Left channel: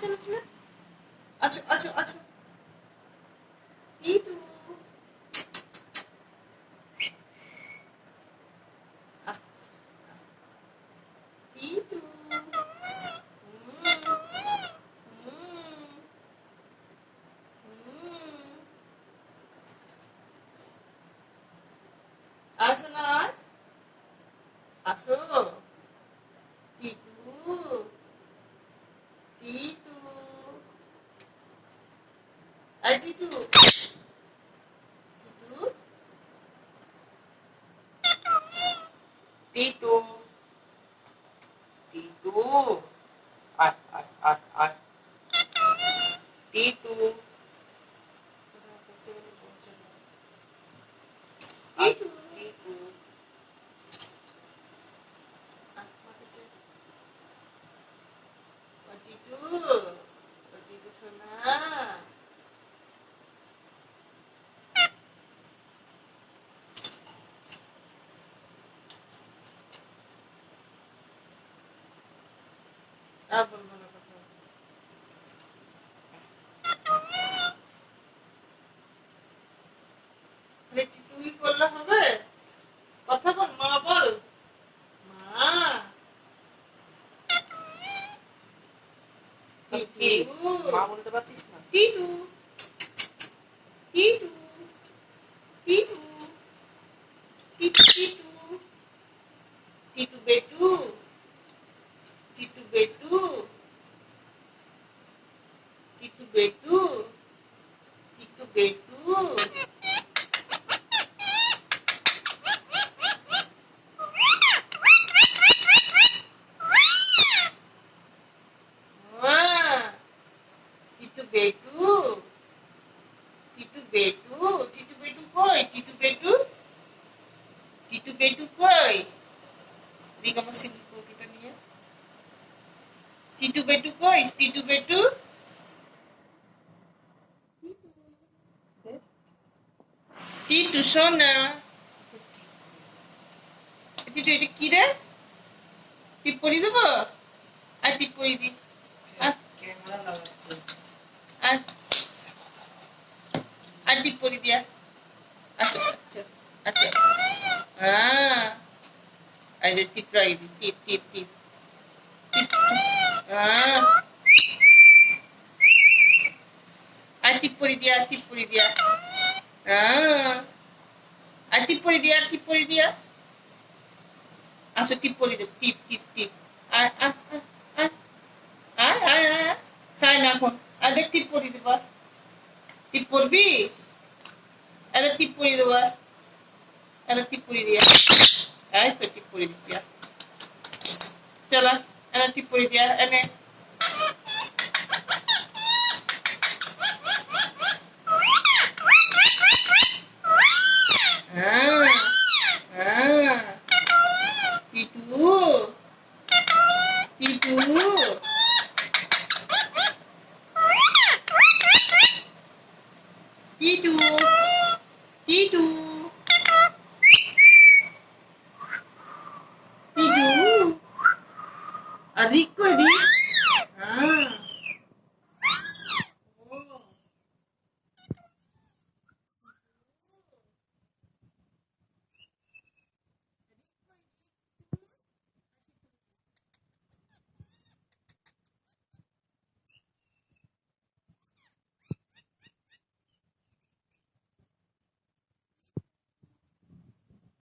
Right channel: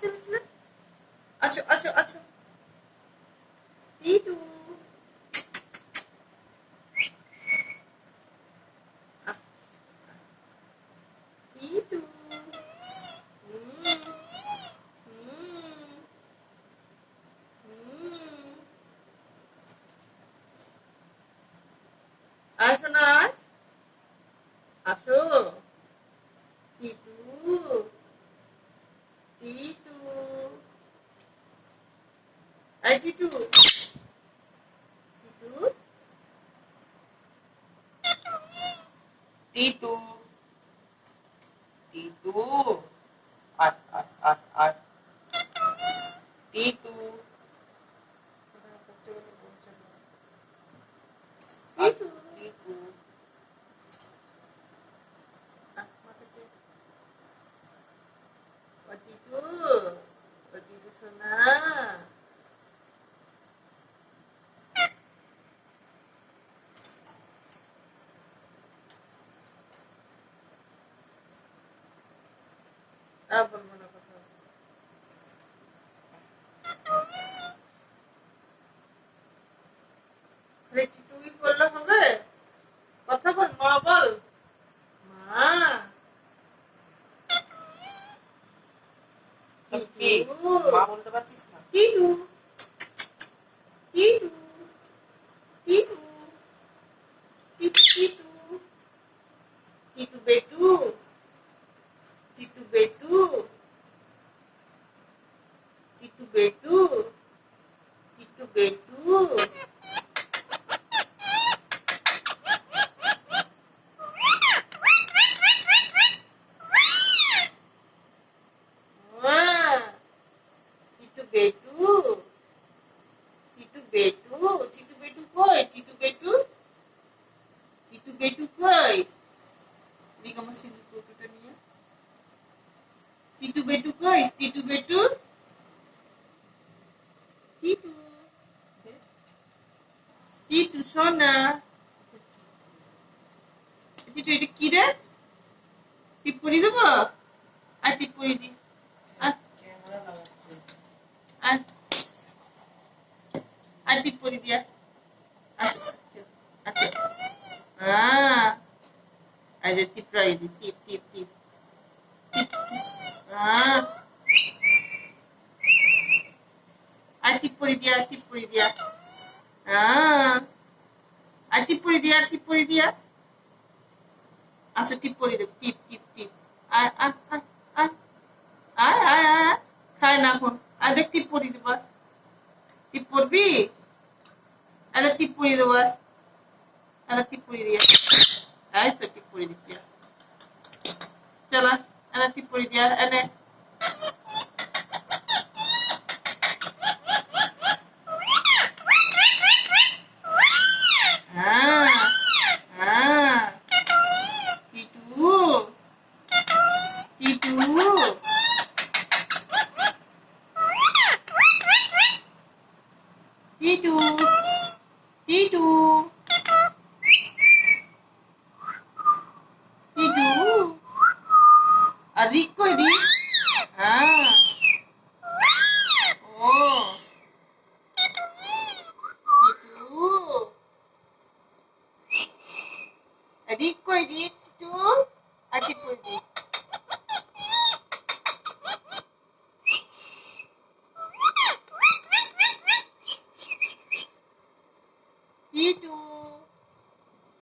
চলো চলো, আছো আছো আছো। টিটু টিটু আসো না, আসো। টিটু টিটু এই টিটু টিটু টিটু টিটু আয় আয় আয় আয় টিটু টিটু টিটু ও টিটু ও টিটু সোনা। আর বলবো না কথা। তাহলে টিটুই করলে হবে? কথা বল, মা বল, মা। টিটু মা বলতে পারছিস না? টিটু টিটু টিটু টিটু টিটু টিটু বেটু টিটু বেটু টিটু বেটু টিটু বেটু টিটু বেটু টিটু বেটু টিটু বেটু কই? টিটু বেটু টিটু বেটু কই? দেখ আমার সিঁদুর কৌটোটা নিয়ে। টিটু বেটু কই? টিটু বেটু টিটু টিটু সোনা। টিটু এটা কি রে? টিপ পরি দেবো? আর টিপ পরি দি। আর আর টিপ পরি দিয়া। আচ্ছা আচ্ছা আচ্ছা। এই যে টিপ রাই দি, টিপ টিপ টিপ টিপ। আর টিপ পরি দিয়া, টিপ পরি দিয়া। আর টিপ পরি দিয়া, টিপ পরি দিয়া। আসো টিপ পরি দেব, টিপ টিপ টিপ। আয় আয় আয় আয় আয় আয় আয়। খাই না এখন। আর দেখ টিপ পরি দেব। টিপ পরবি? এদের টিপ পরি দেব। এদের টিপ পরি দিয়া। এই তো টিপ পরি দিচ্ছি। চলো এনে টিপ পরি দিয়া, এনে। টিটু টিটু টিটু টিটু টিটু আর রিক কই রিক? ও টিটু রিক কই রিক? টিটু আর টিপ কই রিক? টিটু